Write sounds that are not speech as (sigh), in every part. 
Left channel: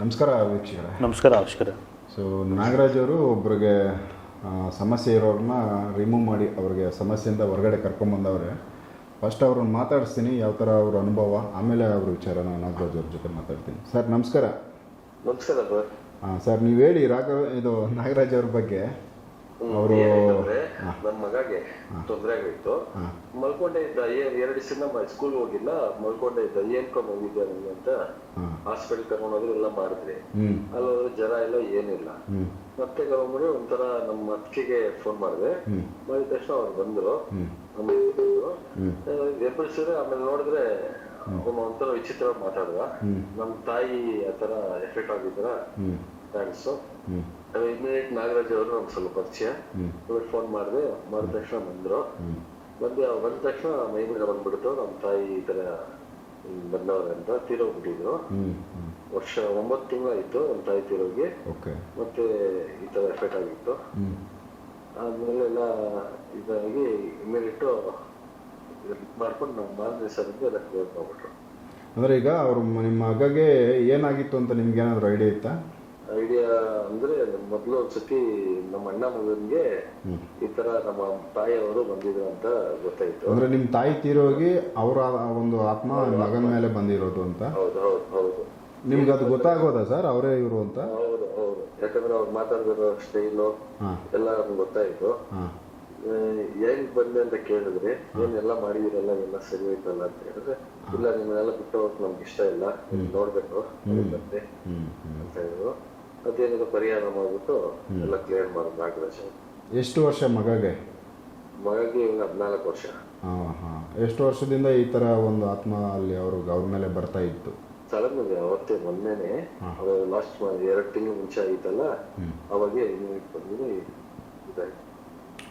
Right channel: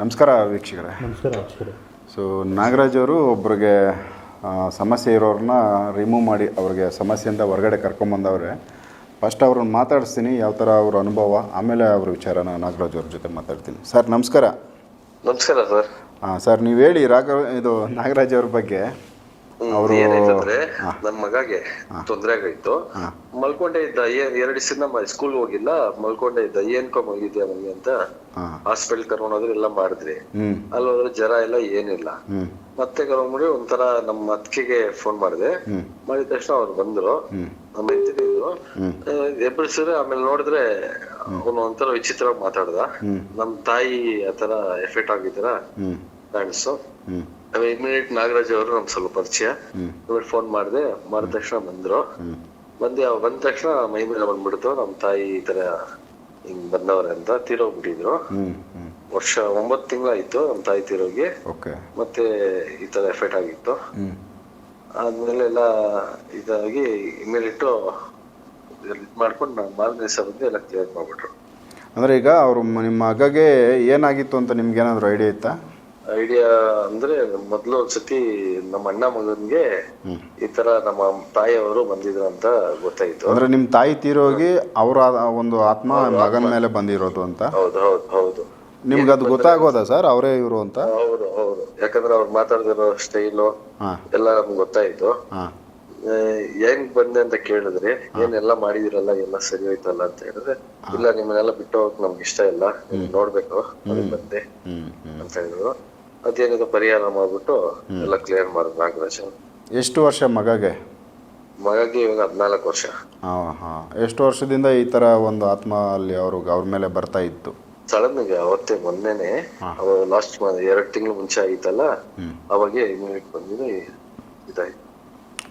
ನಮಸ್ಕಾರ ವೀಕ್ಷಕರೇ. ನಮಸ್ಕಾರ ವೀಕ್ಷಕರೇ ಸೊ ನಾಗರಾಜ್ ಅವರು ಒಬ್ಬರಿಗೆ ಸಮಸ್ಯೆ ಇರೋರನ್ನ ರಿಮೂವ್ ಮಾಡಿ ಅವ್ರಿಗೆ ಸಮಸ್ಯೆಯಿಂದ ಹೊರಗಡೆ ಕರ್ಕೊಂಬಂದವ್ರೆ ಫಸ್ಟ್ ಅವ್ರನ್ನ ಮಾತಾಡಿಸ್ತೀನಿ ಯಾವ ಥರ ಅವ್ರ ಅನುಭವ ಆಮೇಲೆ ಅವ್ರ ವಿಚಾರನ ನಾಗರಾಜ್ ಅವ್ರ ಜೊತೆ ಮಾತಾಡ್ತೀನಿ. ಸರ್ ನಮಸ್ಕಾರ. ನಮಸ್ಕಾರ ಸರ್. ಹಾಂ ಸರ್ ನೀವು ಹೇಳಿ ರಾಘವ ಇದು ನಾಗರಾಜ್ ಅವ್ರ ಬಗ್ಗೆ. ಏನಾಯ್ತಂದ್ರೆ ನನ್ ಮಗಗೆ ತೊಂದ್ರೆ ಆಗೈತು ಮಲ್ಕೊಂಡೆ ಇದ್ದ ಏನ್ ಎರಡ್ ದಿವಸ ಸ್ಕೂಲ್ ಹೋಗಿಲ್ಲ ಮಲ್ಕೊಂಡೆ ಇದ್ದ ಏನ್ಕೊ ಹೋಗಿದ್ಯಾ ನಮ್ಗೆ ಅಂತ ಹಾಸ್ಪಿಟಲ್ ಕರ್ಕೊಂಡೋದ್ರೆ ಎಲ್ಲ ಮಾಡಿದ್ರಿ. ಅಲ್ಲೋದ್ರೆ ಅಲ್ಲಿ ಹೋದ್ರೆ ಜ್ವರ ಎಲ್ಲ ಏನಿಲ್ಲ. ಮತ್ತೆ ಕರ್ಕೊಂಡ್ಬಿಡಿ ಒಂಥರ ನಮ್ಮ ಅತ್ತಿಗೆ ಫೋನ್ ಮಾಡಿದೆ. ಮಾಡಿದ ತಕ್ಷಣ ಅವ್ರು ಬಂದ್ರು. ನಮ್ಮ ಹೆಂಡತಿದ್ರು ಎಬ್ಬರಿಸಿದ್ರೆ ಆಮೇಲೆ ನೋಡಿದ್ರೆ ಅವನು ಒಂಥರ ವಿಚಿತ್ರವಾಗಿ ಮಾತಾಡ್ದ. ನಮ್ ತಾಯಿ ಆತರ ಎಫೆಕ್ಟ್ ಆಗಿದ್ರ? ಹ್ಞೂ ಇಮಿಡಿಯೇಟ್ ನಾಗರಾಜ್ ಅವರು ನಮ್ಗೆ ಸ್ವಲ್ಪ ಪರಿಚಯ. ಫೋನ್ ಮಾಡಿದೆ ಮಾಡಿದ ತಕ್ಷಣ ಬಂದ್ರು. ಬಂದು ಅವ್ರು ಬಂದ ತಕ್ಷಣ ಮೈ ಮೇಲೆ ಬಂದ್ಬಿಡ್ತು. ನಮ್ ತಾಯಿ ಈ ತರ ಹಿಂಗ್ ಬಂದವ್ರೆ ಅಂತ ತೀರೋಗ್ಬಿಟ್ಟಿದ್ರು. ವರ್ಷ ಒಂಬತ್ತು ತಿಂಗಳಾಯ್ತು ನಮ್ ತಾಯಿ ತೀರೋಗಿ. ಓಕೆ. ಮತ್ತೆ ಈ ತರ ಎಫೆಕ್ಟ್ ಆಗಿತ್ತು. ಆದ್ಮೇಲೆ ಎಲ್ಲ ಇದಾಗಿ ಇಮಿಡಿಯೇಟ್ ಮಾಡ್ಕೊಂಡು ನಾವು ಮಾರನೇ ದಿವಸ ಬಂದು ಎಲ್ಲ ಕ್ಲಿಯರ್ ಮಾಡ್ಬಿಟ್ರು. ಅಂದ್ರೆ ಈಗ ಅವರು ನಿಮ್ಮ ಮಗಗೆ ಏನಾಗಿತ್ತು ಅಂತ ನಿಮ್ಗೆ ಏನಾದ್ರು ಐಡಿಯಾ ಇತ್ತಾ? ಐಡಿಯಾ ಅಂದ್ರೆ ಮೊದ್ಲು ಒಂದ್ಸತಿ ನಮ್ಮ ಅಣ್ಣ ಮಗನ್ಗೆ ಈ ತರ ನಮ್ಮ ತಾಯಿಯವರು ಬಂದಿದ್ರು ಅಂತ ಗೊತ್ತಾಯ್ತು. ಅಂದ್ರೆ ನಿಮ್ ತಾಯಿ ತೀರೋಗಿ ಅವರ ಒಂದು ಆತ್ಮ ಮಗನ ಮೇಲೆ ಬಂದಿರೋದು ಅಂತ? ಹೌದು ಹೌದು ಹೌದು. ನಿಮ್ಗೆ ಅದು ಗೊತ್ತಾಗೋದಾ ಸರ್ ಅವರೇ ಇವರು ಅಂತ? ಹೌದು ಹೌದು. ಯಾಕಂದ್ರೆ ಅವ್ರು ಮಾತಾಡ್ತಿರೋ ಸ್ಟೈಲು ಎಲ್ಲ ನಮ್ಗೆ ಗೊತ್ತಾಯ್ತು. ಹೆಂಗ್ ಬಂದೆ ಅಂತ ಕೇಳಿದ್ರೆ ಏನೆಲ್ಲ ಮಾಡಿದಿರಲ್ಲ ಎಲ್ಲ ಸರಿ ಹೋಯ್ತಲ್ಲ ಅಂತ ಹೇಳಿದ್ರೆ ಇಲ್ಲ ನಿಮ್ಮನ್ನೆಲ್ಲ ಬಿಟ್ಟು ಹೋಗಕ್ ನಮ್ಗೆ ಇಷ್ಟ ಇಲ್ಲ. ನೋಡ್ಬೇಕು. ಬಂದೆ ಅಂತ ಹೇಳಿದ್ರು. ಅದೇನಿದೆ ಪರಿಹಾರ ಮಾಡ್ಬಿಟ್ಟು ಎಲ್ಲ ಕ್ಲಿಯರ್ ಮಾಡೋದು ನಾಗರಾಜ್ ಎಷ್ಟು ವರ್ಷ ಮಗಗೆ? ಮಗಗೆ ಇವಾಗ ಹದಿನಾಲ್ಕು ವರ್ಷ. ಹಾಂ ಹಾಂ. ಎಷ್ಟು ವರ್ಷದಿಂದ ಈ ಥರ ಒಂದು ಆತ್ಮ ಅಲ್ಲಿ ಅವರು ಅವ್ರ ಮೇಲೆ ಬರ್ತಾ ಇತ್ತು? ಸಡನ್ ಆಗಿ ಅವತ್ತೇ ಮೊನ್ನೆನೆ ಲಾಸ್ಟ್ ಎರಡು ತಿಂಗಳು ಮುಂಚೆ ಆಯ್ತಲ್ಲ ಅವಾಗೆ ಯೂನಿಟ್ ಬಂದಿದೆ ಇದಾಯ್ತು.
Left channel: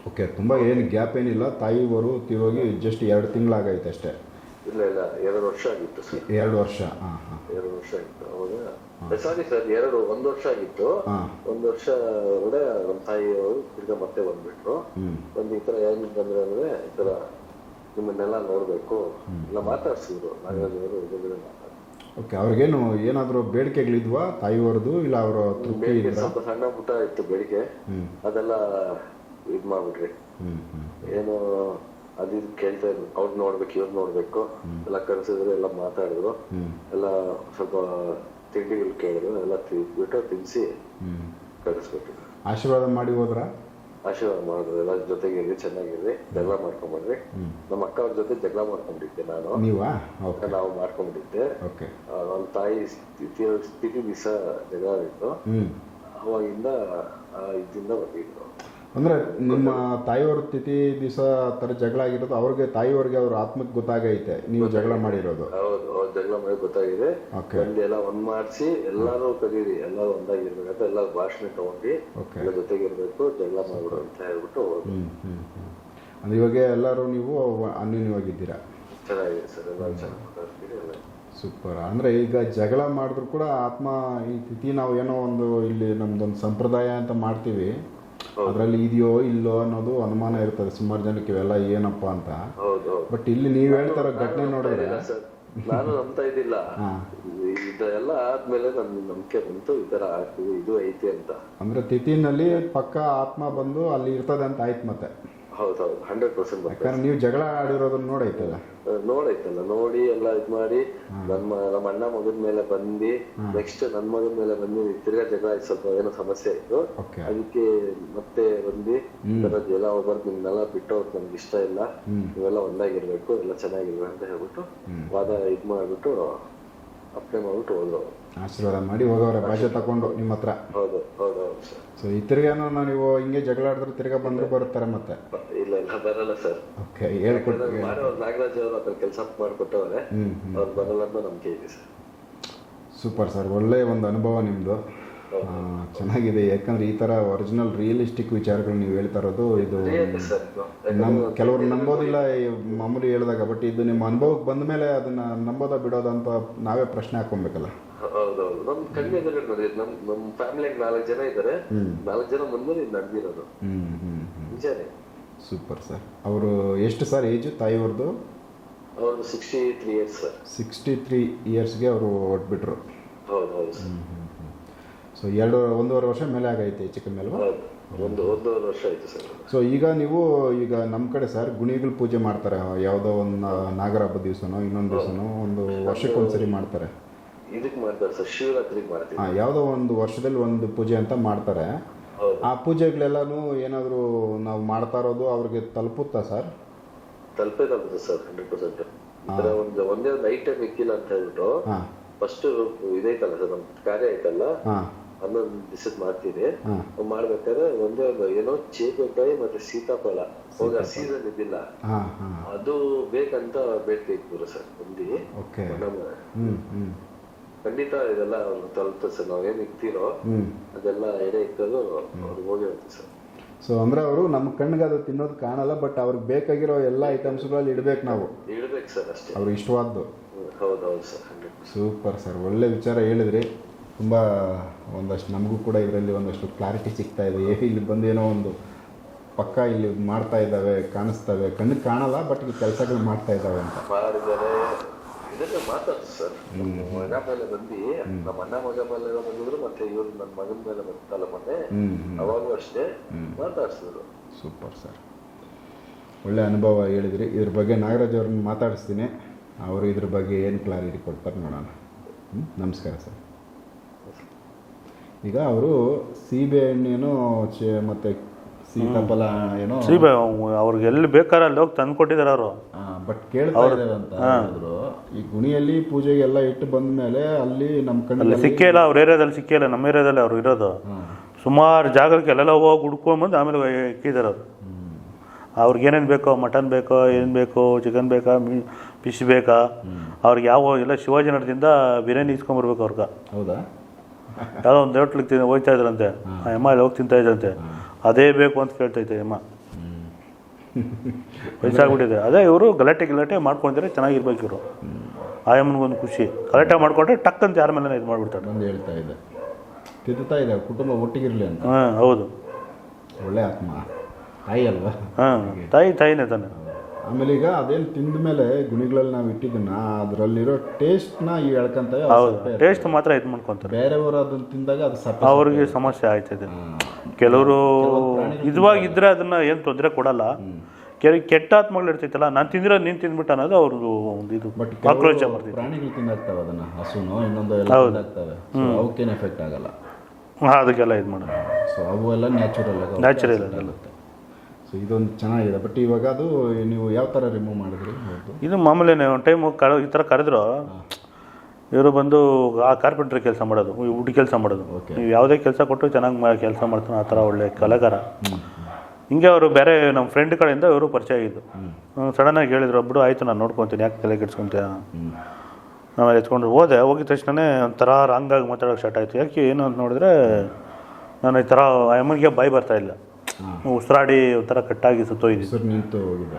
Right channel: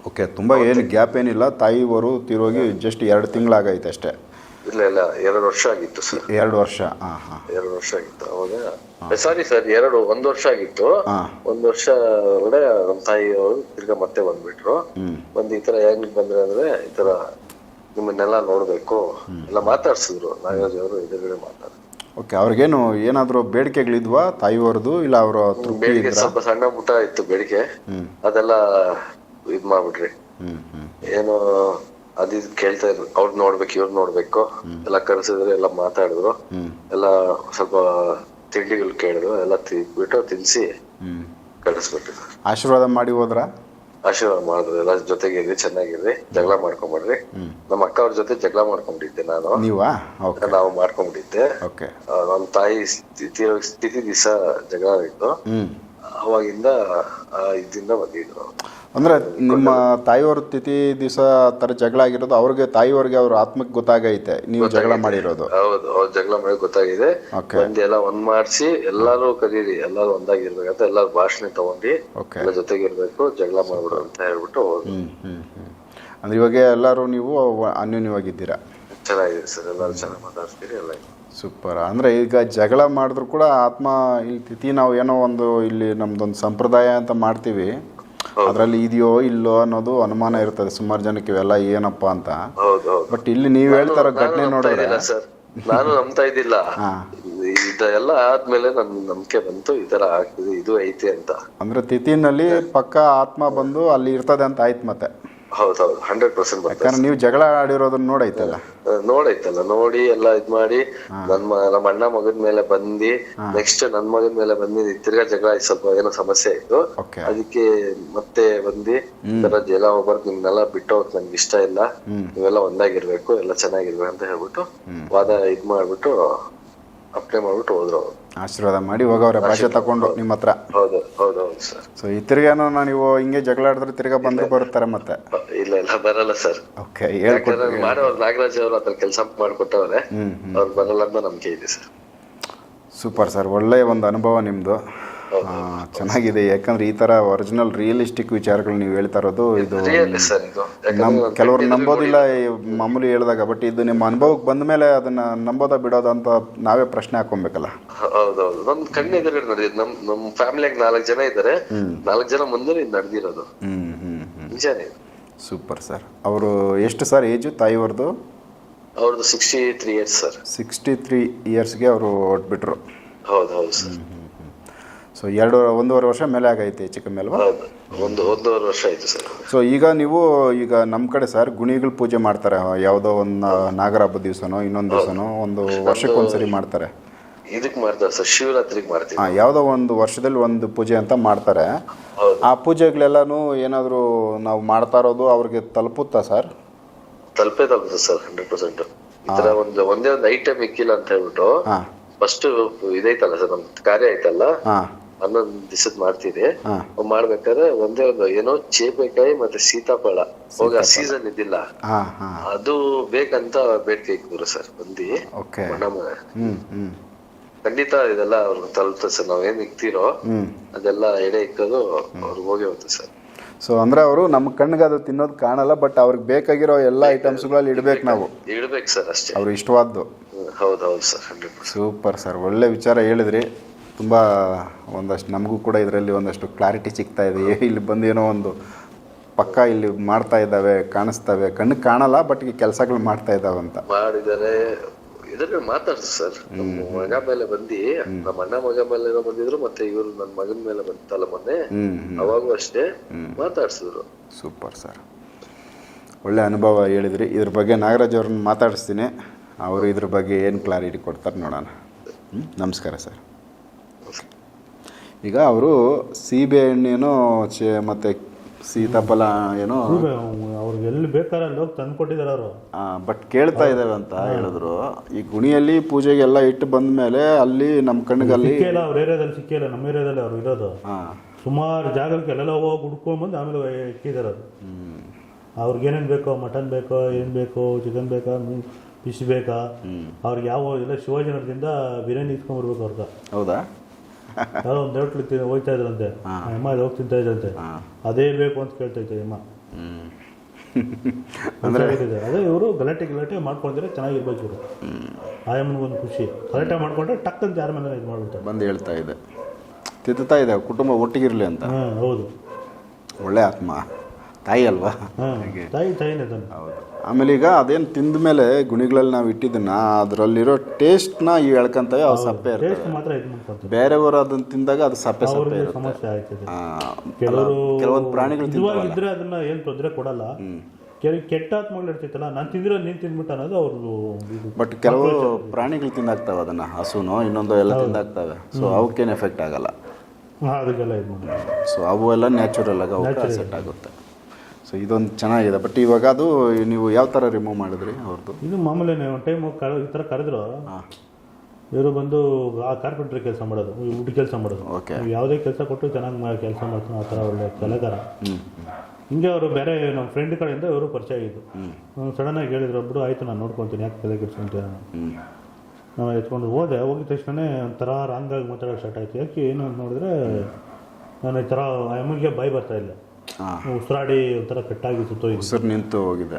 ಓಕೆ ತುಂಬ ಏನು ಗ್ಯಾಪ್ ಏನಿಲ್ಲ ತಾಯಿಯವರು ತಿರೋಗಿ ಜಸ್ಟ್ ಎರಡು ತಿಂಗಳಾಗೈತೆ ಅಷ್ಟೇ. ಇಲ್ಲ ಇಲ್ಲ ಎರಡು ವರ್ಷ ಆಗಿತ್ತು ಸರ್. ಎರಡು ವರ್ಷ ಹಾಂ ಹಾಂ. ಎರಡು ವರ್ಷ ಆಗಿತ್ತು ಅವಾಗ. ಸಾರಿ ಸರ್ ಎರಡು ಒಂದು ವರ್ಷ ಆಗಿತ್ತು. ಒಂದು ವರ್ಷ ಒಳಗಡೆ ನಮ್ಮ ತಾಯಿ ಅವರು ತಿರ್ಗಾ ಮತ್ತೆ ಬಂದ್ಬಿಟ್ರು. ಬಂದು ಈ ತರ ಹೆಂಗ್ ಬಂದ್ರೆ ಅಂದ್ರೆ ಈ ತರ ನಿಮ್ಮನ್ನೆಲ್ಲ ನೋಡ್ಬೇಕು. ಎಲ್ಲ ಮಾತಾಡ್ಸಿದ್ರು. ನಾಗರಾಜ್ ಅವರು ಎದುರುಗಡೆ ಮಾತಾಡ್ತಾರೆ ಓಕೆ ಅವ್ರಿಗೇನು ಏನಾದರೂ ಬೇಡಿಕೆಗಳಿದ್ವಾ ತಾಯಿಯವ್ರದ್ದು? ಇಲ್ಲ ಅವರ ಬೇಡಿಕೆ ಸ್ವಲ್ಪ ಸಣ್ಣ ಪುಟ್ಟ ಇತ್ತು ಬೇಡಿಕೆ. ಅದೆಲ್ಲ ಇದ್ ಮಾಡ್ಬಿಟ್ರಿ. ಏನು ಅದ್ ಇದ್ ಕೇಳ್ತಾ ಇದ್ರು. ಅವ್ರ್ ನೋಡ್ಬೇಕು ಇವ್ರ್ ನೋಡ್ಬೇಕು. ಎಲ್ಲ ಕರ್ಸಿದ್ರು ಎಲ್ಲ ಮಾತಾಡಿದ್ರು. ಎಲ್ಲ ಸ್ವಲ್ಪ ತಿಂಡಿಗಳು ಕೇಳಿದ್ರು. ಎಲ್ಲ ತಿಂದ್ಬಿಟ್ಟು ತಿನ್ಸಿ ಕಳಿಸ್ಬಿಟ್ಟು ಆಶೀರ್ವಾದ ಮಾಡಿ ಹೋದ್ರ? ಆಶೀರ್ವಾದ ಮಾಡಿದ್ರು. ಎಲ್ಲ ಜೊತೆಗಿರ್ರಿ ಚೆನ್ನಾಗಿರ್ರಿ ಜಗಳ ಮಾಡ್ಕೊಂಬಿಡ್ರಿ ನಮ್ಮ ಅಕ್ಕ ಅವ್ರ ಜೊತೆ ಜಗಳ ಮಾಡ್ಕೊಂಡಿದ್ದೆ ನಾನು. ನೀವಾ? ಓಕೆ. ನಾವು ಮಾಡ್ಕೊಂಡಿದ್ದೆ ಓಕೆ. ನಮ್ಮ ನಮ್ ತಾಯಿ ಸ್ಥಿತಿ ಸ್ಥಿತಿ ದಿವಸ ಜಗಳ ಆಗಿತ್ತು ಅವಾಗಿಂದ ಆ ಇದಿಂದ ಬಂದಿದ್ರು ಅಂದರೆ ನಿಮ್ಮ ತಾಯಿಯವ್ರ ತಿಥಿ ದಿವಸ ಥರ ಜಗಳ ಆಗಿರೋದು ಅವ್ರಿಗೆ ತಾಯಿಯವ್ರಿಗೆ ಅವ್ರ ಆತ್ಮಕ್ಕೆ ಗೊತ್ತಾಗೈತೆ ನೀವು ಜಗಳ ಮಾಡಿರೋದು. ಹೌದು ಅವ್ರ ಜಗಳ ಮಾಡಿ ಗೊತ್ತಾಗಿದೆ. ಬಂದು ಎಲ್ಲ ಒಂದ್ ಮಾಡಿಸಿ ಎಲ್ಲಾರು ಕರೀರಿ ಎಲ್ಲಾರು ಒಂದಾಗಿರ್ಬೇಕಂತ ಎಲ್ಲಾರು ಭಾಷಣ ತಗೊಂಡಿ ಎಲ್ಲ ಎಲ್ಲ ಜೊತೆಗಿರ್ಬೇಕು ಜಗಳ ಮಾಡ್ಬಿಡು ಅಂತ ಹೇಳ್ಬಿಟ್ಟು ಅಂದ್ರೆ ಇವಾಗ ಎಲ್ಲರೂ ನೀವು ಅನ್ಯೋನ್ಯವಾಗಿದ್ದೀರಾ? ಚೆನ್ನಾಗಿದೆ ಸರ್ ಎಲ್ಲಾರು ಚೆನ್ನಾಗಿ ಮಾತಾಡ್ತೀರಿ ಎಲ್ಲ. ಸೂಪರ್ ಅಂದರೆ ಈಗ ಜಗಳ ಮಾಡಿದ್ರು ಕೂಡ ಆತ್ಮ ಈ ತಿಥಿ ನಾವು ಏನೋ ಒಂದು ಇಲ್ಲಿ ನಮ್ದೊಂದು ಸಂಪ್ರದಾಯ ಅಂತ ಮಾಡ್ತೀವಿ. ಅದರಲ್ಲಿ ಇದೆಯೋ ಇಲ್ಲೋ ಅನ್ನೋದು ಅನುಮಾನ ಇರ್ತದೆ. ಸುಮಾರು ಜನಕ್ಕೆ ಇವೆಲ್ಲ ಏನಪ್ಪ ಅಂತ. ಹೌದು ಹೌದು. ಬಟ್ ಇಲ್ಲಿ ನೀವ್ ಹೇಳ್ತಾರ ಘಟನೆ ನೋಡಿದ್ರೆ. ಸರ್. (laughs) ನಾನು ನಂಬ್ತಾ ಇದ್ದಿಲ್ಲ. ಇದೆಲ್ಲ ಆದ್ಮೇಲೆ ನನ್ ನಂಬಿಕೆ ಬಂತು. ಈ ತರ ಆಗ್ತಿದೆ ಇದು ಐತಿ ಅಂತ. ಅಂದ್ರೆ ತಿಥಿನಲ್ಲಿ ಪಕ್ಕ ಆತ್ಮ ಬಂದು ಅಲ್ಲಿ ಇರ್ತದೆ ಅಂತ ಆಯ್ತು ಮತ್ತೆ. ಹೌದೌದು ಹಂಡ್ರೆಡ್ ಪರ್ಸೆಂಟ್ ಬರ್ತದೆ ಯಾಕಂದ್ರೆ ನೀವು ಜಗಳ ಆಡಿರೋದನ್ನ ನೋಡೈತಲ್ಲ? ನೋಡೈತಲ್ಲ ನೋಡಿ ಎಲ್ಲ ಇದ್ ಮಾಡಿ ನನ್ ನಮ್ಮ ಅಣ್ಣ ಮಗನ್ ಮೇಲೆ ಬಂದಿ ನೆಕ್ಸ್ಟ್ ನನ್ ಮಗನ್ ಮೇಲೆ ಬಂದಿ ತಿರ್ಗಾ ಜಗಳ ಆಯ್ತು ಸ್ವಲ್ಪ ಏನೋ ಸಮಸ್ಯೆ ಆಯ್ತು ಅದಕ್ಕೆ ಮತ್ತೆ ಬಂದಿ ತರ ಜಲ ಹೋಗ್ಬಾರ್ದು ನಿಮ್ನೆಲ್ಲ ಬಿಟ್ಟು ಹೋಗಕ್ ನಂಗೆ ಇಷ್ಟ ಇಲ್ಲ. ನೀವೆಲ್ಲ ಒಂದಾಗಿರ್ಬೇಕು ಎಲ್ಲ ಚೆನ್ನಾಗಿರ್ಬೇಕು ಅಂತ ಹೇಳ್ಬಿಟ್ಟು ವಾದ ಇದ್ ಮಾಡ್ಬಿಟ್ಟು ಅಪ್ಲೈ ಮಾಡ್ಬಿಟ್ಟು ಹೋದ್ರು ಅವ್ರು. ಆಶೀರ್ವಾದ ಮಾಡಿ ಹೋಗವ್ರೆ ಭಾಷೆ ತಗೊಂಡು ನಿಮ್ಮ ಹತ್ರ. ಹೌದು ಹೌದೌದು ಸರ್. ಸೊ ಈ ತಿರ್ಗಾನು ನೀವು ಹಿಂಗೆ ಜಗಳ ಆಡಿದ್ರೆ ತಿರ್ಗಾ ಬಂದ್ರೆ ಬರುತ್ತಾರೆ ಮತ್ತೆ. ಇಲ್ಲ ಇಲ್ಲ ಬರಲ್ಲ ಸರ್. ಓಕೆ ಹೇಳ್ಕೊಡ್ತೀನಿ ಯಾಕಂದ್ರೆ ಮಾಡೋರು ನಾಗರಾಜ್ ಅವರು ಅದ್ರ ಕೆಲಸ ಮಾಡಿಕೊಟ್ಟವ್ರೆ. ಅವ್ರು ಬರಲ್ಲ ಅಂತ ನಂಬಿಕೆ ಇದೆ ಸರ್. ಸೂಪರ್ ಸರ್ ಒಳ್ಳೆಯ ಒಂದು ಅನುಭವ ನಿಮ್ಮದು ಚೆನ್ನಾಗಿದೆ. ಯಾಕಂದ್ರೆ ಈ ತರ ಒರಿಜಿನಲ್ ರಿಯಲಿಸ್ಟಿಕ್ ವಿಚಾರಗಳು ನೀವು ಹೇಳ್ತಾ ಇರೋದು ಇದು ರಿಯಲ್ ಸರ್ ಇದು. ನಮ್ ಕೆಲವ್ರು ನಂಬೋದಿಲ್ಲ ಮಾಮೂಲಿ ಹೇಳಿದಾಗ ಬಟ್ ಇದು ನಿಮ್ಮ ಅನುಭವಕ್ಕೆ ಬಂದ ಮೇಲೆ ಅದನ್ನ ನಂಬೋದ ಬಿಡೋದ ಅಂತ ನಾವೇ ಪ್ರಶ್ನೆ ಹಾಕೊಬೇಕಲ್ಲ. ಹೌದೌದು. ನಮ್ ಕಣ್ಣು ಎದುರು ನಡೆದಿದ್ದು ನಮ್ ನಮ್ ಫ್ಯಾಮಿಲಿಯಾಗ ನಾಲ್ಕು ಜನ ಇದ್ದಾರೆ. ನಾಲ್ಕು ಜನ ಮುಂದೆ ನಡೆದಿರೋದು. ನಿಜಾನೇ. Super sir. ಅವರು ಎಷ್ಟು ಸರ್ ಏಜು ತಾಯಿಯವ್ರದ್ದು ಅವ್ರದ್ದು sixty three years sir. Sixty three ಇಯರ್ಸ್ಗೆ ಅವರು ಹೊಟ್ಬಿಟ್ರು ಹೌದು ಹೌದು ಸರ್. ಸೊ ಎರಡು ಒಂದೂವರೆ ವರ್ಷ ಮೇಲೆ ಆಗೈತೆ ಹೆಚ್ಚು ಕಮ್ಮಿ ಅಲ್ವಾ? ಹೌದು. ಒಂದು ಒಂದೂವರೆ ವರ್ಷ ಆಯಿತು ಸರ್. ಸೊ ಈಗ ನೀವು ಈಗ ನಮ್ಮ ಕಡೆ ಸರ್ ಗುಣಿಗಳು ಪೂಜೆ ಮಾಡ್ತಾರೆ. ಯಾವುದೋ ಒಂದು ನಾಗರ ಹಬ್ಬದ ದಿವಸನೋ ಇನ್ನೊಂದು ದಿವಸನೋ ಒಂದು ವರ್ಷಕ್ಕೊಂದ್ಸರಿ ಮಾಡ್ತಾರೆ. ಇದಕ್ಕೆ ಮಾಡ್ತಾರೆ ಸರ್ ಶಿವರಾತ್ರಿಗೆ ಮಾಡ್ತೀವಿ. ಹಾಂ ಯಾವುದೋ ಒಂದು ವರ್ಷದಲ್ಲಿ ಒಂದು ಪೂಜೆ ಅಂತ ಮಾಡ್ತಾರೆ. ಆ ಪೂಜೆಗಳೆಲ್ಲನೂ ಏನಾದರೂ ನಾವು ಮಾಡ್ತಾ ಇರೋದು ಅವ್ರಿಗೆ ತಲುಪುತ್ತಾ ಸರ್? ತಲುಪೇ ತಲುಪುತ್ತೆ ಸರ್ ಹಂಡ್ರೆಡ್ ಪರ್ಸೆಂಟ್ ಈ ಒಂದು ಒಂದೇ ಒಂದು ಐಟಮ್ ಇಕ್ಕಿಲ್ಲ ಅಂತ ಹೇಳ್ಬಿಟ್ಟು ಫಸ್ಟ್ ಇದೈತಲ್ಲ ಸರ್ ನಮ್ ಕಾರ್ಯ ಐತಲ್ಲ? ಹಾಂ. ಹನ್ನೊಂದು ದಿವಸದ ಮಾಡ್ತೀವಿ. ಮಾಡ್ಬೇಕಾದ್ರೆ ಒಂದೇ ಒಂದು ಏನೋ ಚೇಪೆಕಾಯಿ ಮತ್ತೆ ಸೀತಾಫಳ ಹೋಗ ಸೀಸನ್ ಇದ್ದಿಲ್ಲ. ಅದು ಬೇಕಂತ ಬೇಡಿಕೆ ಇಕ್ಕಿದ್ರು ಸರ್ ಬಂದಿ ಓಕೆ. ನಮ್ಮ ಖಂಡಿತ ಇದೆಲ್ಲ ಅವ್ರಿಗೆ ತಲುಪ್ತದೆ ಸರ್ ನಾವೇನ್ ಏನ್ ಇಕ್ತಿರೋ ಅದೆಲ್ಲ ಎಡೆ ಇಕ್ಕೋದು ಅವ್ರಿಗೆ ಹೋಗಿ ಹೋಗುತ್ತೆ ಸರ್. ಸೊ ಅಂದ್ರೆ ಅವರು ನಮ್ಮ ಕಣ್ಣಿಗೆ ಅದು ತಿನ್ನೋದು ಕಾಣಲ್ಲ ಬಟ್ ಅವ್ರಿಗೆ ಬೇಕಾಗಿರೋ ಎಲ್ಲ ಐಟಮ್ಸ್ಗಳಲ್ಲಿ ಇಡಬೇಕು ನಾವು. ಇಡಬೇಕು ಸರ್ ಅಷ್ಟೇ. ಅವ್ರು ಇಷ್ಟವಾದ್ದು. ಹೌದೌದು ಹೌದು ಹೌದು ಸರ್ ಸೂಪರ್ ಸರ್ ಒಳ್ಳೆ ವಿಚಾರ ಹೇಳಿದ್ರಿ. ತುಂಬ ಒಂದಷ್ಟು ನಮಗೂ ಕೂಡ ಇದರಲ್ಲಿ ಒಂದಷ್ಟು ಕ್ಲಾರಿಟಿ ಸಿಗ್ತಾ ಇದೆ. (laughs) ಇಲ್ಲಿ ಬಂದು ಏನೋ ಒಂದು ಪಕ್ಕ ಇಲ್ಲಿ ಮಾಡ್ತಾ ಇದ್ದಾವೆ ಕಾಣಿಸ್ತವೆ. ಕಣ್ಣಿಗೆ ಕಾಣಲ್ಲ ಬಟ್ ಈ ಕೆಲಸಗಳು ಮಾಡ್ತಾ ಇದ್ದಾವೆ ಅಂತ. ಮಾಡಿದ್ದಾರೆ ಇದ್ರಲ್ಲಿ ಮಾತಾಡ್ತು ಸರ್. ನಮ್ಮ ಮಗ ಮೇಲೆ ಬಂದು ನಮ್ಮ ಅಣ್ಣ ಮಗ ಮೇಲೆ ಬಂದಿದ್ರು ಮತ್ತೆ ಇವರು ನನ್ನ ಮಗನ ಮೇಲೆ ಬಂತಲ್ಲ ಮೊನ್ನೆ. ಅವಾಗೂ ಅಷ್ಟೇ ಮಾತಾಡ್ಸಿದ್ರು. Super sir. ಒಳ್ಳೆ ಅನುಭವ ಹೇಳಿದ್ರಿ. ಇದ್ರ ಬಗ್ಗೆ ನಾಗರಾಜ್ ಅವ್ರನ್ನ ಮಾತಾಡಿಸ್ತೀನಿ. ಅವರು ಇದ್ರ ಬಗ್ಗೆ ಏನು ಕ್ಲಾರಿಟಿ ಕೊಡ್ತಾರೆ ನೋಡೋಣ? ನಮಸ್ಕಾರ ಸರ್. ಈಗ ಅವರು ಸೀಬೆ ಹಣ್ಣೇನೋ ಚೆ ಮತ್ತು ಸೀತಾಫಲ ಏನೋ ಸೀಬೆ ಅವ್ರಿಗೆ ಎಲ್ಲಿ ಬೇಕಾದ್ರೆ ಅಲ್ಲಿ ಹೋಗಿ ತಂದು ಕೊಟ್ಟಿದ್ದಾರೆ ಅವರು. ಬಟ್ ಕೇಳ್ತಾ ಇದ್ದಾರೆ ಅಂತ ಹೇಳಿದ್ರು. ಈ ಗುಣಿಯಲ್ಲಿ ಪೂಜೆಗೆ ಎಲ್ಲ ಇಟ್ಟು ಬಂದ ಮೇಲೆ ಅಲ್ಲಿ ನಮ್ಮ ಕಣ್ಣಿಗೆ ಸಿಕ್ಕಿಲ್ಲ ಅವ್ರ ಏರಿಯಾದಲ್ಲಿ ಸಿಕ್ಕಿಲ್ಲ ನಮ್ಮ ಏರಿಯಾದಲ್ಲಿ ಅವ್ರು ಇರೋದು. ಸುಮಾರು ಜಾಗಕ್ಕೆ ಎಲ್ಲೆಲ್ಲ ಹೋಗಿ ಹುಡ್ಕೊಂಬಂದು ಆಮೇಲೆ ಇಕ್ಕಿದ್ದಾರೆ ಅವರು. ಅವ್ರಿಗೆ ಏನೇನು ಬೇಕೋ ಮಟನ್ ಬೇಕೋ ಏನು ಬೇಕೋ ಚಿಕನ್ ಬೇಕಾ ಮೀ ಫಿಶ್ ಬೇಕಾ? ಅವ್ರಿಗೆ ಯಾವ ಎಲ್ಲ ಶಿವಾಜಿ ನಗರದಿಂದ ಬಿರಿಯಾನಿ ಇಸ್ಕೊಂಬರ್ಬೇಕು ಅವ್ರಿಗೆ. ಹೌದಾ? ಯಾವುದೋ ಒಂದು ಹೋಟ್ಲಿಗೆ ತಿನ್ ಹೋಗ್ತಾ ಇದ್ರಂತೆ. ಅಮ್ಮ ಅಲ್ಲಿ ಹೋಗಿ ತಿಂತಾ ಇದ್ರಂತೆ. ಅದೇ ಬೇಕು ಅಂತ ಕೇಳ್ತೈತೆ ಅಮ್ಮ ಬಿಟ್ಟಿದೆ ಅದೇ ಇವರು ಗಲಾಟೆ ಗಲಾಟೆ ಮಾಡ್ಕೊಂಡಿದ್ರೆ ಚೆನ್ನಾಗಿರ್ಬೇಕು ಇವರು. ಆಯಮ್ಮನಿಗೊಂದು ಖುಷಿ. ಗಲಾಟೆ ಮಾಡ್ಕೊಂಡ್ರೆ ಟಕ್ ಅಂತ ಯಾರ ಮೇಲೆ ಇದು ಮಾಡ್ಬಿಡ್ತಾರೆ. ಬಂದು ಹೇಳ್ತಾ ಇದೆ. ತಿದ್ದುತ್ತಾ ಇದೆ ಕುಟುಂಬ ಒಟ್ಟಿಗಿರಲಿ ಅಂತ. ಹಾಂ ಹೌದು. ಒಳ್ಳೆ ಆತ್ಮ. ತಾಯಿ ಅಲ್ವಾ? ಹಾಂ ತಾಯಿ ತಾಯಿನೇ ತಾನೆ. ಹೌದು. ಆಮೇಲೆ ಈಗ ಅದೇನು ತಿಂದ ಮೇಲೆ ಗುಣಿಗಳಲ್ಲಿ ನಾವು ಇಟ್ಟಿದ್ದನ್ನ ಅದರಲ್ಲಿರೋ ಟೇಸ್ಟ್ನ ಈ ಎಳ್ಕೊಂತವೆ ಆ ಸಪ್ಪೆ. ಟೇಸ್ಟ್ ಮಾತ್ರ ಇದು ಮಾಡ್ಕೊಂತಾರೆ. ಬೇರೆಯವರು ಅದನ್ನ ತಿಂದಾಗ ಅದು ಸಪ್ಪೆ ಸಪ್ಪೆ ಅವ್ರಿಗೆ ಸಮಸ್ಯೆ ಆಯ್ತದೆ. ಕೆಲವರು ಕೆಲವೊಂದು ಪ್ರಾಣಿಗಳು ಇದ್ವಾಗಿದ್ರೆ ಅದನ್ನ ಏನು ತೊಂದರೆ ಕೊಡಲ್ಲ. ಕೆಲವು ಕೆಟ್ಟ ಆತ್ಮಗಳು ಇರ್ತೈತಲ್ಲ ನಾನು ತಿಂದಿರೋ ನೀನು ತಿಂದ್ಬಿಟ್ಟ ಅನ್ನೋದು ಅವ್ರದ್ದು ಇದು ಬಟ್ ಕೆಲವು ಪ್ರಾಣಿಗಳು ತಿಂದಾಗ್ತಾವೆ ಅದನ್ನ ಹಸುನೋ ಇನ್ನೊಂದು ಎಲ್ಲ ತಿಂದಾಗ್ತವೆ. ಸೊ ಅವಕ್ಕೇನು ಎಫೆಕ್ಟ್ ಆಗಲ್ಲ. ಹಾಂ ಅದಕ್ಕೆಲ್ಲ ಇದು ಮಾಡೋದು. ಸೊ ಅವು ಎಲ್ಲ ನ್ಯಾಚುರಲ್ ಆಗಿ ನ್ಯಾಚುರಲ್ ಆಗುತ್ತೆ. ಸೊ ಇದೊಂದು ಚೆನ್ನಾಗಿದೆ. ಬಟ್ ಇವಾಗ ಅದು ನೀವು ಯಾವ ಥರ ರಿಮೂವ್ ಮಾಡಿದ್ರಿ ಅವ್ರದ್ದು ಇದು ಮಾಮೂಲಿ ಒಂದು ಟೈಮ್ ಕರ ಈ ಥರ ಕರೆದ್ರು ಇವರು ಬಂದು ಆ ಕಾರ್ಪೆಂಟ್ರಿ ಕೆಲಸ ಮಾಡೋದು ಊಟ ಕೆಲಸ ಮಾಡೋದು. ಓಕೆ ನೀವು ಯಾವುದೇ ಕೆಲಸ ಕೊಟ್ಟು ಚೆನ್ನಾಗಿ ಕೆಲಸ ಮಾಡ್ತಾನೆ ಆ ಥರ ಒಳ್ಳೆ ಕಲಾಕಾರ. ಹಿಂಗೆ ಅವರು ಬೇರೆ ನಮ್ಮ ಫ್ರೆಂಡ್ ಕಡೆಯಿಂದ ಇವರು ಪರಿಚಯ ಆಗಿದ್ದು. ಸಡನ್ನಾಗಿ ಹೇಳಿದ್ರು ಒಬ್ಬರು ಆಯಿತು ನಾನು ನೋಡ್ಕೊತೀನಿ. ಯಾಕೆ ತಲೆ ಕೆಡ್ಸ್ಕೊಂತೀಯ? ನಾವು ಎತ್ಕೊಂಡು ಹೋದೆ. ಹೋಗಿದ ತಕ್ಷಣ ಒಂಥರ ರಾಂಗಾಗಿ ಮಾತಾಡೋಕೆ ಸ್ಟಾರ್ಟ್ ಆಯಿತು. ಯಾಕೆ ಏನು ಅಂತ ನೋಡಿದ್ರೆ ನಾನು ಈ ಥರ ಅಮ್ಮನಿಗೆ ಬಾಯಿ ಬರ್ತಾ ಇಲ್ಲ. ಉಸಿರಾಡಿ ಒಂಥರ ಕಟ್ಟಾಗಿ ಸುತ್ತೋಗಿದೆ ಉಸಿರು ನಿಂತು ಹೋಗಿದೆ.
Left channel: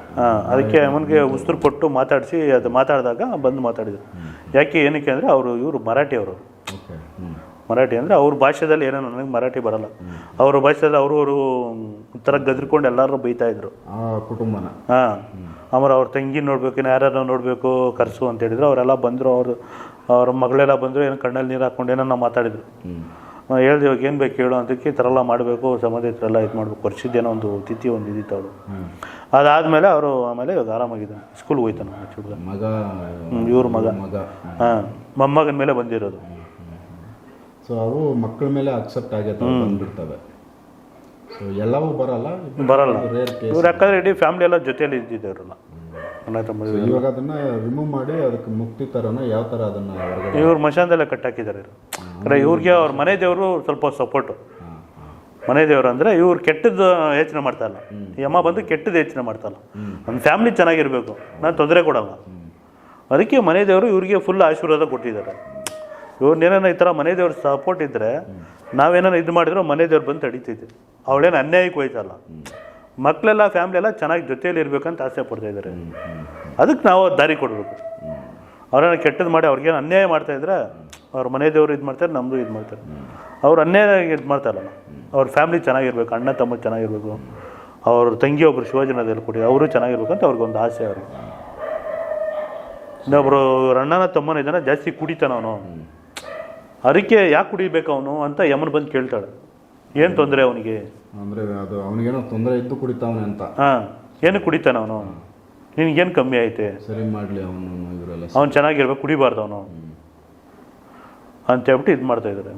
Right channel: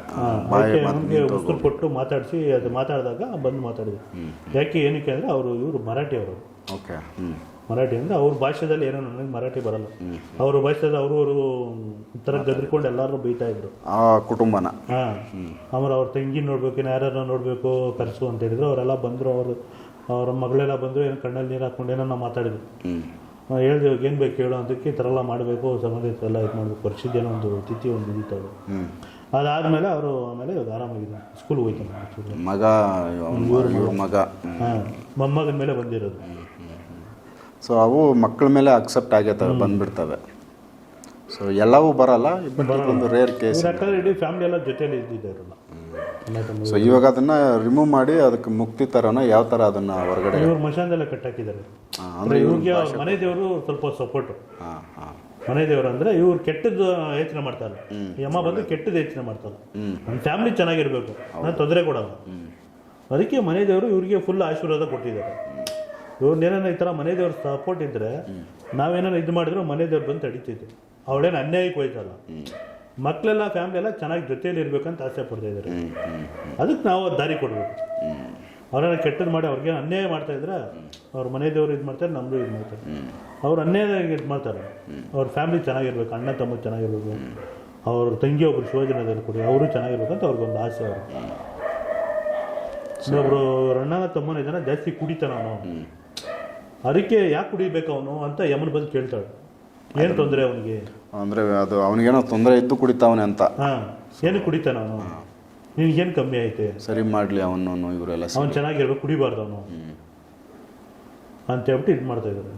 ಅದಕ್ಕೆ ಅವನಿಗೆ ಉಸಿರು ಕೊಟ್ಟು ಮಾತಾಡಿಸಿ ಅದು ಮಾತಾಡಿದಾಗ ಬಂದು ಮಾತಾಡಿದ್ರು. ಯಾಕೆ ಏನಕ್ಕೆ ಅಂದರೆ ಅವರು ಇವರು ಮರಾಠಿ ಅವರು. ಓಕೆ ಮರಾಠಿ ಅಂದರೆ ಅವ್ರ ಭಾಷೆದಲ್ಲಿ ಏನೋ ನನಗೆ ಮರಾಠಿ ಬರಲ್ಲ. ಅವ್ರ ಭಾಷೆದಲ್ಲಿ ಅವರು ಅವರು ಒಂಥರ ಗದ್ರಿಕೊಂಡು ಎಲ್ಲರೂ ಬೈತಾ ಇದ್ರು. ಆ ಕುಟುಂಬನ. ಹಾಂ. ಆಮೇಲೆ ಅವ್ರ ತಂಗಿ ನೋಡಬೇಕು ಇನ್ನು ಯಾರ್ಯಾರು ನೋಡಬೇಕು ಕರ್ಸು ಅಂತ ಹೇಳಿದ್ರು. ಅವರೆಲ್ಲ ಬಂದರು ಅವರು ಅವ್ರ ಮಗಳೆಲ್ಲ ಬಂದರು ಏನು ಕಣ್ಣಲ್ಲಿ ನೀರು ಹಾಕ್ಕೊಂಡು ಏನೋ ಮಾತಾಡಿದ್ರು. ಹೇಳ್ದೆ ಇವಾಗ ಏನು ಬೇಕು ಹೇಳು ಅಂತಕ್ಕೆ ಈ ಥರ ಎಲ್ಲ ಮಾಡಬೇಕು ಸಂಬಂಧಿಕರೆಲ್ಲ ಇದು ಮಾಡಬೇಕು. ವರ್ಷದ್ದೇನೋ ಒಂದು ತಿಥಿ ಒಂದು ಇದ್ದಿತ್ತು ಅವರು ಹ್ಞೂ ಅದಾದಮೇಲೆ ಅವರು ಆಮೇಲೆ ಇವಾಗ ಆರಾಮಾಗಿದ್ದಾನೆ. ಸ್ಕೂಲ್ಗೆ ಹೋಯ್ತಾನೆ ಆ್ಯಕ್ಚುಲಿ ಮಗ ಇವ್ರ ಮಗ. ಮಗ. ಹಾಂ ಮೊಮ್ಮಗನ ಮೇಲೆ ಬಂದಿರೋದು. ಸೊ ಅವು ಮಕ್ಕಳ ಮೇಲೆ ಅಕ್ಸೆಪ್ಟ್ ಆಗೈತೆ ಬಂದ್ಬಿಡ್ತವೆ. ಸೊ ಎಲ್ಲವೂ ಬರಲ್ಲ ಬರಲ್ಲ. ರೇರ್ ಕೇಸ್ ಯಾಕಂದ್ರೆ ಇಡೀ ಫ್ಯಾಮಿಲಿ ಎಲ್ಲ ಜೊತೆಯಲ್ಲಿ ಇದ್ದಿದ್ದವರಲ್ಲ ಸೊ ಇವಾಗ ಅದನ್ನ ರಿಮೂವ್ ಮಾಡಿ ಅದಕ್ಕೆ ಮುಕ್ತಿ ತರನ ಯಾವ ತರ ಅದನ್ನ ಹೊರಗಡೆ ಇವ್ರು ಮಶಾನದಲ್ಲೇ ಕಟ್ಟಾಕಿದ್ದಾರೆ ಹಾಕಿದ್ದಾರೆ ಅಂದ್ರೆ ಇವ್ರಿಗೆ ಅವ್ರ ಮನೆ ದೇವರು ಸ್ವಲ್ಪ ಸಪೋರ್ಟು ಮನೆ ದೇವರು ಅಂದ್ರೆ ಇವ್ರು ಕೆಟ್ಟದ್ದು ಯೋಚನೆ ಮಾಡ್ತಾ ಇಲ್ಲ. ಈ ಅಮ್ಮ ಬಂದು ಕೆಟ್ಟದ್ದು ಯೋಚನೆ ಮಾಡ್ತಾ ಇಲ್ಲ. ನಮ್ಮ ಫ್ಯಾಮಿಲಿ ಚೆನ್ನಾಗಿರ್ಬೇಕು. ನಾನು ತೊಂದರೆ ಕೊಡಲ್ಲ. ಅದಕ್ಕೆ ಮನೆ ದೇವರು ಇವ್ರಿಗೆ ಫುಲ್ ಆಶೀರ್ವಾದ ಕೊಟ್ಟಿದ್ದಾರೆ. ಇವ್ರನ್ನೇನ ಈ ಥರ ಮನೆ ದೇವ್ರ ಸಪೋರ್ಟ್ ಇದ್ದರೆ ನಾವೇನೋ ಇದು ಮಾಡಿದ್ರು ಮನೆ ದೇವ್ರು ಬಂದು ತಡೀತಿದ್ವಿ. ಅವಳೇನು ಅನ್ಯಾಯಕ್ಕೆ ಹೋಯ್ತಲ್ಲ ಮಕ್ಕಳೆಲ್ಲ ಫ್ಯಾಮಿಲಿ ಎಲ್ಲ ಚೆನ್ನಾಗಿ ಜೊತೆಯಲ್ಲಿ ಇರಬೇಕಂತ ಆಸೆ ಪಡ್ತಾ ಇದ್ದಾರೆ. ಅದಕ್ಕೆ ನಾವು ದಾರಿ ಕೊಡಬೇಕು. ಅವ್ರನ್ನ ಕೆಟ್ಟದ್ದು ಮಾಡಿ ಅವ್ರಿಗೇನು ಅನ್ಯಾಯ ಮಾಡ್ತಾ ಇದ್ರೆ ಅವ್ರ ಮನೆ ದೇವರು ಇದು ಮಾಡ್ತಾರೆ ನಮ್ಮದು ಇದು ಮಾಡ್ತಾರೆ. ಅವ್ರು ಅನ್ಯಾಯ ಇದು ಮಾಡ್ತಾರಲ್ಲ. ಅವ್ರ ಫ್ಯಾಮಿಲಿ ಚೆನ್ನಾಗಿರ್ಬೇಕು ಅಣ್ಣ ತಮ್ಮ ಚೆನ್ನಾಗಿರ್ಬೇಕು. ಅವ್ರ ತಂಗಿ ಒಬ್ರು ಶಿವಜನದಲ್ಲಿ ಕೊಡಿ ಅವರು ಚೆನ್ನಾಗಿರ್ಬೇಕು ಅಂತ ಅವ್ರಿಗೊಂದು ಆಸೆ ಅವರು ಇನ್ನೊಬ್ರು ಅವ್ರ ಅಣ್ಣನ ತಮ್ಮನ ಇದನ್ನ ಜಾಸ್ತಿ ಕುಡಿತಾನ ಅವನು. ಅದಕ್ಕೆ ಯಾಕೆ ಕುಡಿಬೇಕು ಅವನು ಅಂತ ಯಮನ್ ಬಂದು ಕೇಳ್ತಾಳೆ. ಏನು ತೊಂದರೆ ಅವನಿಗೆ? ಅಂದರೆ ಅದು ಅವನಿಗೇನೋ ತೊಂದರೆ ಇದ್ದು ಕುಡಿತಾವನೆ ಅಂತ. ಹಾಂ ಏನು ಕುಡಿತಾನೆ ಅವನು? ನಿನಗೇನು ಕಮ್ಮಿ ಐತೆ ಸರಿ ಮಾಡಲಿ ಅವನು ಇವರೆಲ್ಲ ಅವ್ನು ಚೆನ್ನಾಗಿರ್ಬೇಕು ಕುಡಿಬಾರ್ದು ಅವನು. ಅಂತ ಹೇಳ್ಬಿಟ್ಟು ಇದು ಮಾಡ್ತಾ ಇದ್ದಾರೆ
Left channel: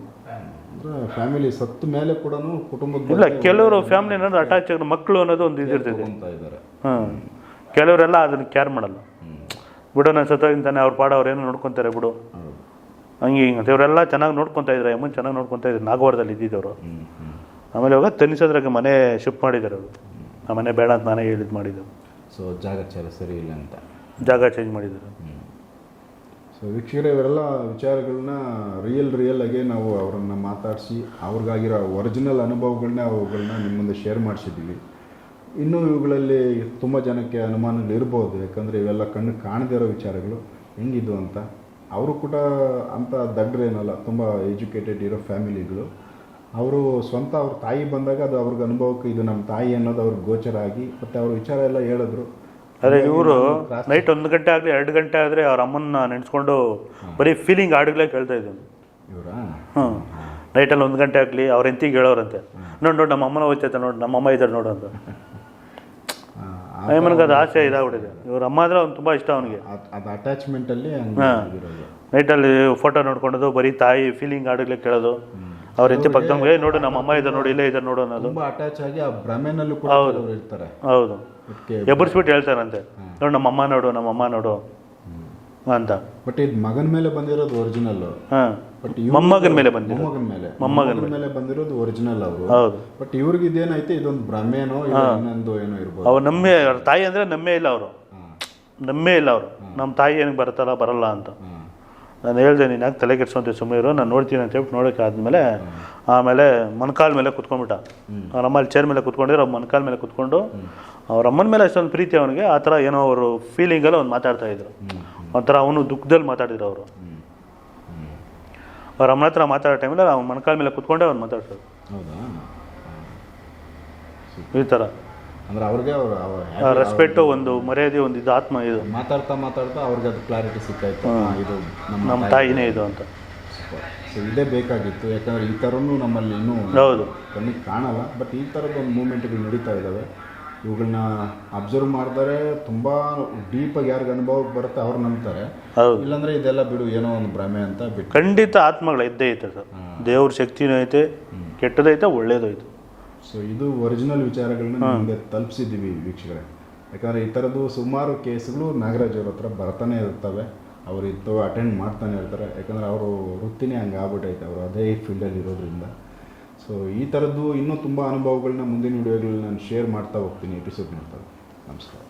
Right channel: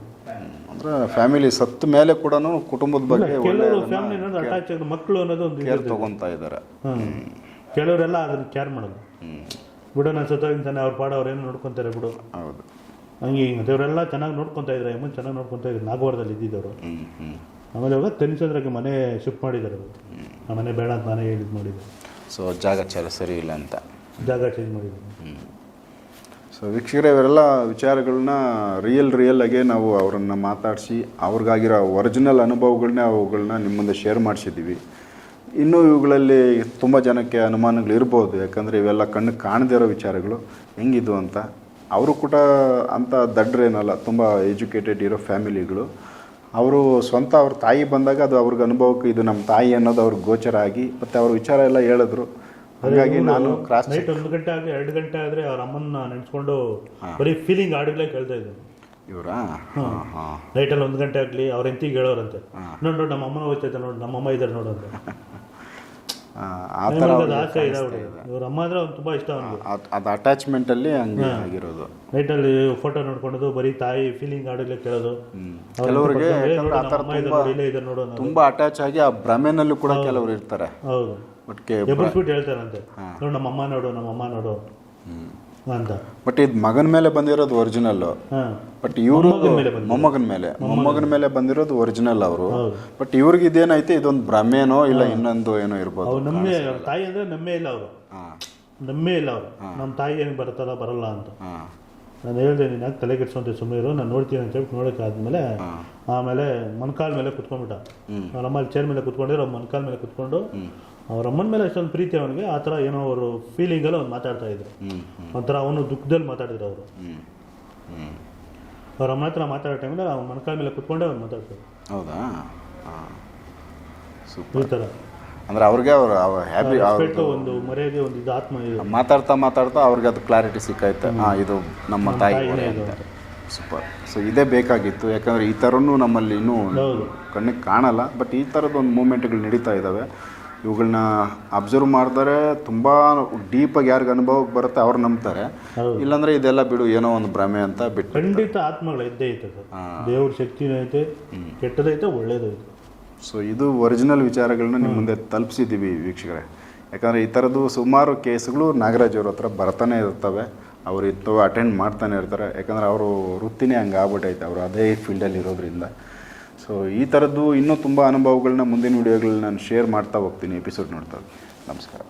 ಅಂದರೆ ಫ್ಯಾಮಿಲಿ ಸತ್ತ ಮೇಲೆ ಕೂಡ ಕುಟುಂಬದ ಇಲ್ಲ ಬಗ್ಗೆ ಕೆಲವರು ಫ್ಯಾಮಿಲಿ ಅನ್ನೋದು ಅಟ್ಯಾಚ್ ಆಗಿ ಮಕ್ಕಳು ಅನ್ನೋದು ಒಂದು ಇದು ಇರ್ತದೆ ತಗೊಂತಾ ಇದ್ದಾರೆ ಹಾಂ ಕೆಲವರೆಲ್ಲ ಅದನ್ನು ಕೇರ್ ಮಾಡಲ್ಲ. ಬಿಡು ನಾನು ಸತ್ತೋಗಿಂತಾನೆ ಅವ್ರ ಪಾಡ ಅವ್ರು ಏನೋ ನೋಡ್ಕೊತಾರೆ ಬಿಡು. ಹೌದು. ಹಂಗೆ ಹಿಂಗೆ ಇವರೆಲ್ಲ ಚೆನ್ನಾಗಿ ನೋಡ್ಕೊತಾ ಇದ್ದಾರೆ ಮುಂದೆ ಚೆನ್ನಾಗಿ ನೋಡ್ಕೊತಾ ಇದ್ರು ನಾಗವಾರದಲ್ಲಿ ಇದ್ದಿದ್ದವರು. ಹ್ಞೂ ಹ್ಞೂ ಆಮೇಲೆ ಇವಾಗ ತನಿಸೋದ್ರಾಗ ಮನೆ ಶಿಫ್ಟ್ ಮಾಡಿದ್ದಾರೆ ಅವರು. ಆ ಮನೆ ಬೇಡ ಅಂತ ನಾನೇ ಹೇಳಿದ್ದು ಮಾಡಿದ್ದು. ಸೊ ಜಾಗ ಚಾಲ ಸರಿ ಇಲ್ಲ ಅಂತ. ಜಾಗ ಚೇಂಜ್ ಮಾಡಿದ್ದಾರೆ. ಸೊ ವೀಕ್ಷಕರೇ ಇವರೆಲ್ಲ ವಿಚಾರಗಳನ್ನ ರಿಯಲ್ ರಿಯಲ್ ಆಗಿ ನಾವು ಅವರನ್ನು ಮಾತಾಡಿಸಿ ಅವ್ರಿಗಾಗಿರೋ ಒರಿಜಿನಲ್ ಅನುಭವಗಳನ್ನ ಅವುಗಳನ್ನ ನಿಮ್ಮ ಮುಂದೆ ಶೇರ್ ಮಾಡಿಸಿದ್ದೀವಿ. ಇನ್ನೂ ಇವುಗಳಲ್ಲಿ ತುಂಬ ಜನಕ್ಕೆ ಅನುಮಾನಗಳು ಇರ್ಬೋದು. ಯಾಕಂದರೆ ಇವೆಲ್ಲ ಕಣ್ಣು ಕಾಣದೇ ಇರೋ ವಿಚಾರಗಳು. ಹೆಂಗಿದು ಅಂತ. ಅವರು ಕೂಡ ಅಂಥ ದಡ್ರೇನಲ್ಲ ತುಂಬ ಎಜುಕೇಟೆಡ್ ಇರೋ ಫ್ಯಾಮಿಲಿಗಳು ಅವರು ಸ್ವಂತ ಅವ್ರ ತಾಯಿ ಬಂದಾಗ ಅದು ಅವ್ರಿಗೆ ಅನುಭವಕ್ಕೆ ಇದು ನಮ್ಮ ತಾಯಿ ಅನ್ನೋದು ಅವ್ರಿಗೆ ಗೋಚರ ಆಗಿ ಮತ್ತು ಅವ್ರ ವಿಚಾರ ಎಲ್ಲ ಹೇಳಿದ್ರು. ಅದೇ ಇವರು ನೈಟ್ ಒಂದು ಗಂಟೆ ಆಗಲಿ ಎರಡು ಗಂಟೆ ಆದರೆ ಅವ್ರ ಅಮ್ಮನ್ನ ನೆನೆಸ್ಕೊಂಡು ಬರೀ ಫೀಲಿಂಗ್ ಹಾಡುಗಳೇ ಕೇಳ್ತಾ ಇದ್ರು. ಇವರಾ? ಹಾಂ. ನೈಟಲ್ಲಿ ಒಂದು ಗಂಟೆ ಆಗಲಿ ಅವ್ರ ಎಂತಿಗೆ ಹೇಳೋರಂತೆ. ನೋಡಿ ನೋಡಿ ನಮ್ಮ ಅಮ್ಮನ ಹೋಗ್ತೈತೆ ನೋಡಿ ನಮ್ಮ ಅಮ್ಮ ಇದ್ದಾರೆ ನೋಡು ಅಂತ. ಅದು ಆಸೆ ಇದಾಗ್ಬಿಟ್ಟಿದೆ ಇವ್ರ ಅಮ್ಮ ಅಂದ್ರೆ ಅವ್ನು ತುಂಬಾ ಇಷ್ಟ ಅವನಿಗೆ. ಅದು ಅದು ಅಟ್ಯಾಚ್ಮೆಂಟಲ್ಲಿ ಹಂಗೆ ಆಗಿರೋದು. ನೈಟಲ್ಲಿ ಫೋಟೋ ನೋಡ್ಕೊಳ್ಳೋದು ಬರೀ ತಾಯಿ ಫೀಲಿಂಗ್ ಹಾಡುಗಳೇ ಕೇಳೋದು. ಅವ್ರ ಎಂತಿ ಪಕ್ಕ ಏ ನೋಡು ನಮ್ಮ ಅಮ್ಮ ಇದ್ದಾರೆ ನೋಡಿ ಇಲ್ಲೇ ಇದ್ದಾರೆ ನೋಡು ಅನ್ನೋದು. ತುಂಬಾ ಅಟ್ಯಾಚ್ ಆಗಿ ಆ ಭ್ರಮೆನಲ್ಲೂ ಕೂಡ ಕೆಲವರು ಇರ್ತಾರೆ. ಹೌದು. ಎಬ್ಬರಿಸ್ಬಿಟ್ಟು ಹೇಳ್ತಾರಂತೆ. ನೋಡು ನಮ್ಮ ಅಮ್ಮ ನೋಡು ನಮ್ಮ ಅಮ್ಮ ನೋಡು. ಅಂತ. ಬಟ್ ಇದು ಮಗನ ಮೇಲೆ ಬಂದಿರೋದು ಒರಿಜಿನಲ್ ಬಟ್ ಮೊಮ್ಮಗನ ಮೇಲೆ ಬಂದ ಮೊಮ್ಮಗನ ಮೇಲೆ. ಮೊಮ್ಮಗನ ಮೇಲೆ. ಬಂದಿರೋದು ಒರಿಜಿನಲ್ ಅವರು. ಬಟ್ ಇವ್ರಿಗೆ ಇದೇನೈತೆ? ಇದೊಂದು ಭ್ರಮೆನೋ ಇಲ್ಲ ಇನ್ನೊಂದು ಏನೋ ಇರ್ಬೋದು. ಅವ್ರು ನಮ್ಮೇ ತಾಯಿ ಅಂದ್ರೆ ನಮ್ಮೇ ಇಲ್ಲ ಅವರು. ನಮ್ಮೇ ಇಲ್ಲ ಅವರು. ನಮ್ಮ ತಾಯಿ ಏನಕ್ಕೆ ಬರ್ತಾರ ಬರಲ್ಲ ಅಂತ. ನಾನು ಹೇಳ್ದೆ ನೀನು ಯಾಕೆ ತಲೆ ಕೆಡ್ಸೋ ಸುಮ್ಮನೆ ಇರು ನಾನು ನೋಡ್ತೀನಿ ಅಂತ ಹೇಳ್ಬಿಟ್ಟು ನೋಡೋಕೆ ಆದಮೇಲೆ ಆಮೇಲೆ ಮೊಣಕಾಲ್ ಮೇಲೆ ಕುತ್ಕೊಂಡ್ಬಿಟ್ಟ. ಅವ್ರ ಅಮ್ಮ ಚೇರ್ ಮೇಲೆ ಕುತ್ಕೊಂಡಿರೋ ಅವ್ರ ಮೊಣಕಾಲ್ ಮೇಲೆ ಕುತ್ಕೊಂಡು ಅವ್ರ ಅಮ್ಮನ ಮೇಲೆ ಅಷ್ಟೊಂದು ಪ್ರೀತಿ ಅವನಿಗೆ ಆ ಥರ ಏನೋ ಅವರು ಫೀಲಿಂಗಲ್ಲಿ ಅವ್ನು ಮಾತಾಡ್ತಾ ಇದ್ರು. ಒಂಥರ ಅವನು ದುಃಖದಲ್ಲಿ ಮಾತಾಡಿದ್ರು ಅವರು. ಅವ್ರ ಅಮ್ಮನ ಹತ್ರ ಮಾತಾಡೋ ಟೈಮಲ್ಲಿ ಅವ್ನ ಮೊಣಕಾಲ್ ಮೇಲೆ ಕುತ್ಕೊಂಡೆ ಅವ್ನು ಮಾತಾಡ್ತಾರೆ ಹೌದಾ? ಈ ಥರ. ಅಂದ್ರೆ ಅವ್ರಿಗೆ ಅವ್ರು ರೆಸ್ಪೆಕ್ಟು ಒಂದು ಮರ್ಯಾದೆ ಒಂದು ಇದು ಆತ್ಮ ಇದು. ಮಾತಾಡ್ತಾ ಮಾತಾಡ್ತಾ ಅವ್ರಿಗೆ ಅದು ಕ್ಲಾರಿಟಿ ಸಿಕ್ಕಾಯ್ತು. ಹಾಂ ಇದು ನಮ್ಮ ನಮ್ಮ ತಾಯಿ ತಾಯಿನೇ ಇದು ಅಂತ. ಸೂಪರ್ ಸೊ ಇದೇ ಬೇಕಾಗಿತ್ತು. ಯಾಕಂದರೆ ಈ ಥರನೂ ನಮ್ಮಲ್ಲಿ ಇನ್ನೂ ಹೌದು. ಕಣ್ಣಿಗೆ ಕಾಣಲ್ಲ. ಬಟ್ ಈ ಥರದ್ದು ಒಂದು ಮೂಮೆಂಟ್ಗಳು ನಡೀತಾ ಇದ್ದಾವೆ ಇವುಗಳನ್ನ ಅಬ್ಸರ್ವ್ ಮಾಡಿದರೆ ತುಂಬ ಡೀಪಾಗಿ ಯಾರಿಗೆ ಅನುಭವಕ್ಕೆ ಬರುತ್ತೆ ಅವ್ರು ನಂಬ್ತಾರೆ. ಇಲ್ಲಾಂದ್ರೆ ಇದೆಲ್ಲ ಬಿಡು ಏನೋ ಒಂದು ಭ್ರಮೆ ಅಂತ ಬಿಟ್ಟು ಖಂಡಿತ ಆತ್ಮಗಳು ಇದ್ದೇ ಐತೆ ಸರ್ ದೇವ್ರ ಶಕ್ತಿನೂ ಐತೆ ಕೆಟ್ಟದೈತೆ ಒಳ್ಳೇದು ಐತೆ. ಸೊ ಇದು ಒರಿಜಿನಲ್ ವಿಚಾರಗಳನ್ನ ನಿಮ್ಮ ಮುಂದೆ ತಲುಪಿಸಿದ್ದೀವಿ ವೀಕ್ಷಕರೇ. ಯಾಕಂದರೆ ಈ ಥರದ್ದು ಸುಮಾರು ಕೇಸ್ಗಳು ನಾಗರಾಜ್ ಅವ್ರ ಹತ್ರ ಬರ್ತಾನೆ ಇರ್ತವೆ. ಅವರು ಇಂಥವು ಅಟೆಂಡ್ ಮಾಡ್ತಾನೆ ಇರ್ತಾರೆ. ಯಾಕಂದರೆ ಅವರು ವೃತ್ತಿನೇ ಹಂಗೆ ಆಗ್ಬಿಟ್ಟೈತೆ ಅವರು ಅದೇ ಫೀಲ್ಡಲ್ಲಿ ಇರೋದ್ರಿಂದ. ಸೊ ಈ ಥರದ್ದು ಇನ್ನೂ ತುಂಬ ಅನುಭವಗಳನ್ನ ಮುಂದಿನ ವಿಡಿಯೋಗಳನ್ನ ನಾನು ಶೇರ್ ಮಾಡ್ತಾ ಹೋಗ್ತೀನಿ. ಎಪಿಸೋಡ್ ನೋಡ್ತಾ ನಮಸ್ಕಾರ.